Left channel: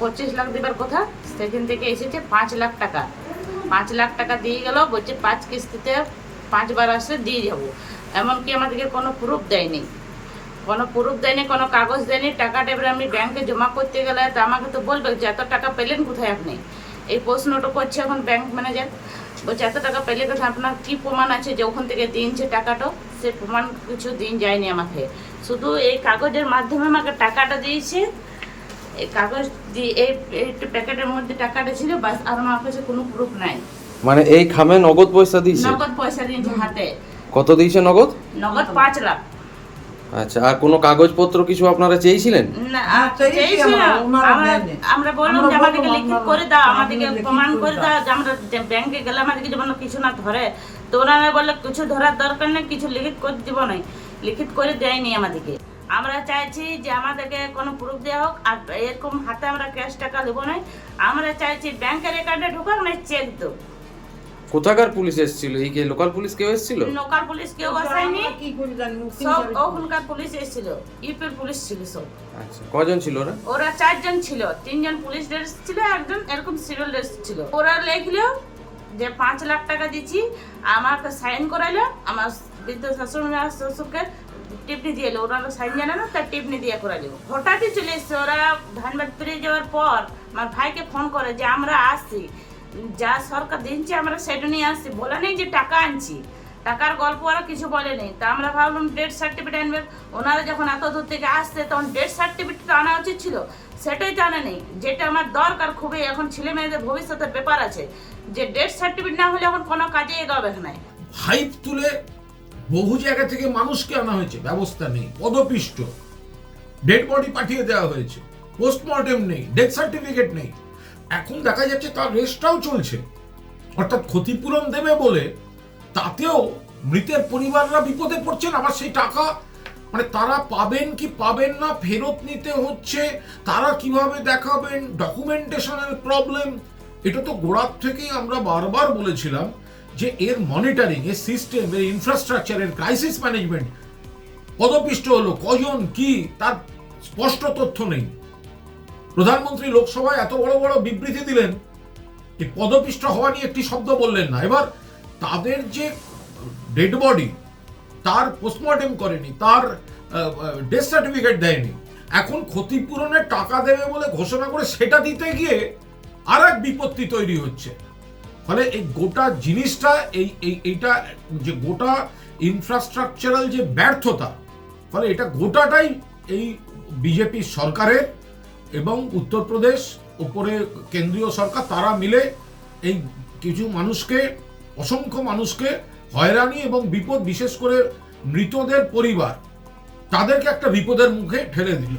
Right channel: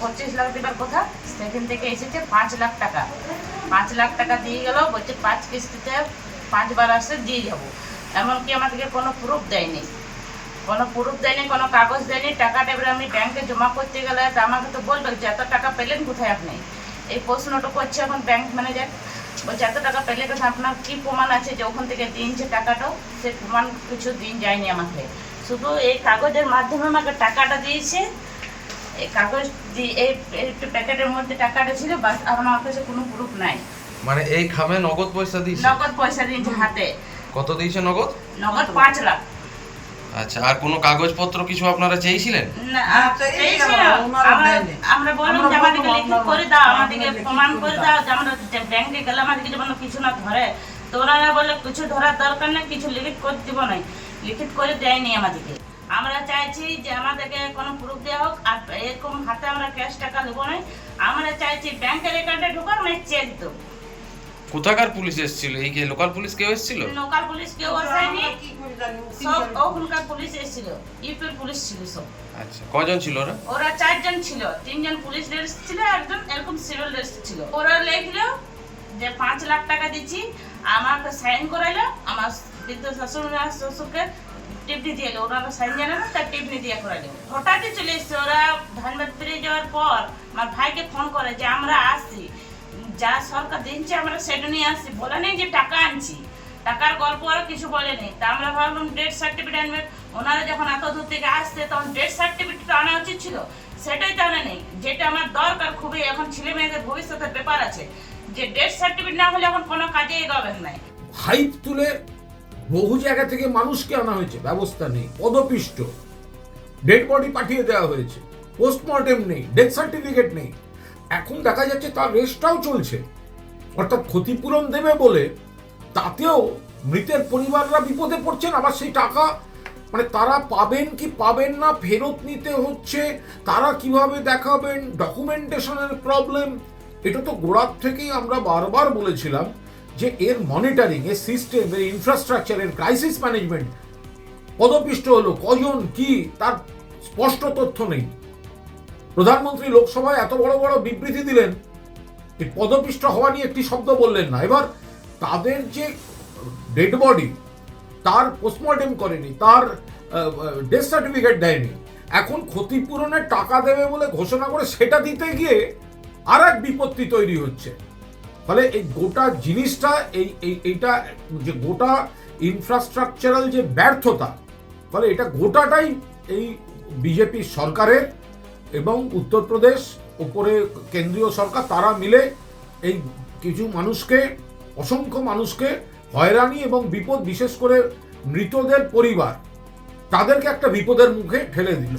25 লাখ দেবার কথা, সেখান থেকে এসেছে 5 লাখ টাকা। 5 লাখ টাকা দিয়ে গেল, বলছে 5 কিস্তিতে 5 বার আসলে দিয়ে যাবো। এমনকি আমাদেরকে কোনো প্রুফ দেয়নি, কোনো কাগজ দেয়নি। টাকাটা এবার আমি ব্যাংকে জমা করতে গেলে তো আমাকে তো বলবে যে এত টাকা পেলেন কোথায় আপনি, এই প্রশ্নটা করছে এখন ব্যাংক ম্যানেজার। বলছে এত টাকা পেলে কোথায়, আপনার কী প্রমাণ আছে যে ওখান থেকে দিনছে টাকাটা? সে প্রমাণ কিছু দিন যায়নি আমাকে, শুধু এই কাগজের মাধ্যমে আমাকে টাকাটা দিয়েছে। এই কাগজ দিয়ে এই প্যাকেটের মধ্যে টাকাটা ছিল, বাস। আর আমার কাছে কোনো প্রুফ নাই। মানে এই খামে নগদ পয়সা দিয়েছে? নগদ পয়সা দিয়েছে হাতে। কত দিয়েছে নগদ? নগদ 5 লাখ। আচ্ছা, আর কোনো কাগজপত্র কিছু আপনারা চেয়েছিলেন? না, আমরা বললাম যে আমাদেরকে লিখিত করে দাও, আমাদেরকে প্রমাণ করে দাও যে আমরা ব্যাংকে গেলে আমাদেরকে যেমন কিছু না ধরে। তো ওনারা বললে কিছু ধরার দরকার নেই, কিছু লিখিত করে দিব না। লিখিত করে দেয়নি আমাদেরকে। আমরা চাইছি যে আমাদেরকে কোনো প্রুফ দেওয়া হোক, আর এরকম হাতে আমরা ক্যাশ টাকা দেবো না। আমরা চাইছি ব্যাংকের অ্যাকাউন্টে ঢুকুক, না চেক দেবো। কোথাকার পুলিশ এসেছিল? এই কি লোকাল পুলিশ কেউ এসেছিল? লোকাল পুলিশ কেউ আসেনি, সব ওখানকার পুলিশ এসেছিল, ইউপির পুলিশ ছিল সব। আচ্ছা, কজন ছিল ওরা? ওরা 4 জন ছিল, 3 জন পুলিশ ড্রেস ছিল, একজন এরকম সিভিল ড্রেস ছিল। ওরা লিখলো যে 5 লাখ টাকা দিচ্ছি, আমাকে সাইন করাইলো। আমার বৃদ্ধ শ্বশুরকে টিপনি দিয়ে এলো, ওনারা সাইন জানে না, তার টিপনি দিয়ে করাইলো। হঠাৎই চলে এসছে ওরা। ধানবাদ ফিরে যাওয়ার পর আমার ভাইকে ফোন করে যে আমরা আসছি, যা সরকার দিচ্ছে আমরা সেটা নিয়ে আসছি, বলে নেই যে টাকা আনছি। টাকার গল্প ওরা কিছু বলে নেই। তা আমরা ভাবলাম ডেথ সার্টিফিকেট আনবে। ওনারা যখন এত দূর থেকে আসছে তখন ডেথ সার্টিফিকেট আনা উচিত ছিল, সেটাই তো আনে নেই। যেটা আমার দরকার খুবই, এখন ছেলে মেয়েদের ভবিষ্যতের ব্যাপার আছে, যে ডেথ সার্টিফিকেট না হলে এখন কোনো কাজে এগোবে না। হাইপ তুলে বহু জায়গা থেকে মানুষকে আনা হয়েছে, ব্যবস্থা নেই, পদপিষ্ট, ডেড বডি পাঠিয়ে দেওয়া হয়েছে, পোস্টমর্টেম নেই, ডেথ সার্টিফিকেট নেই। এখন দেখা যাচ্ছে তার রেস্টটাও চলছে, অর্থাৎ ক্ষতিপূরণ দেবে বলে তাতেও মৃতের পরিবাররা বিপদে পড়ছেন। আবার সেই টাকা মানে তারা পাবেন কি পাবেন না, ফেরত নিতে হচ্ছে, তারা কিভাবে দেখাবেন, ডকুমেন্টেশনের প্রবলেম। এটা তো গোড়ার থেকেই আমরা বারবার বলেছিলাম যে এর মনিটরিং, এর সিস্টেম, এর ইনফ্রাস্ট্রাকচারের ক্রাইসিস ম্যানেজমেন্ট পদপিষ্ট হলো কজন কি তার স্পষ্ট তথ্য নেই। প্রধানমন্ত্রী লোকসভায় এত বড় বড় বিবৃতি দিলেন, এই পদপিষ্ট হওয়া নিয়ে একটি শব্দ বললেন না। এবার তাদের যে ডেড বডি, তার পোস্টমর্টেম করেনি, তার ডেথ সার্টিফিকেট দেয়নি, এখন ক্ষতিপূরণের টাকা দেবে বলে ঘোষণা করে সেটা দিতে গিয়ে আর এক বিপত্তি তৈরি হচ্ছে। ফলে এই গোটা জিনিসটা এইটা যে গোটা ইনফ্রাস্ট্রাকচারাল যে ব্যর্থতা, ফলে এটা গোটাটাই এই বিজেপি সরকারের এবং উত্তরপ্রদেশ উপরে কেন্দ্রীয় সরকার, তারা মিলে এই কিছু মানুষকে, অসংখ্য মানুষকে হয়রানি এবং বিপদ, বিশেষ করে মৃতদের পরিবার, তাদেরকে একটা বিপদের মুখে ঠেলে দিল।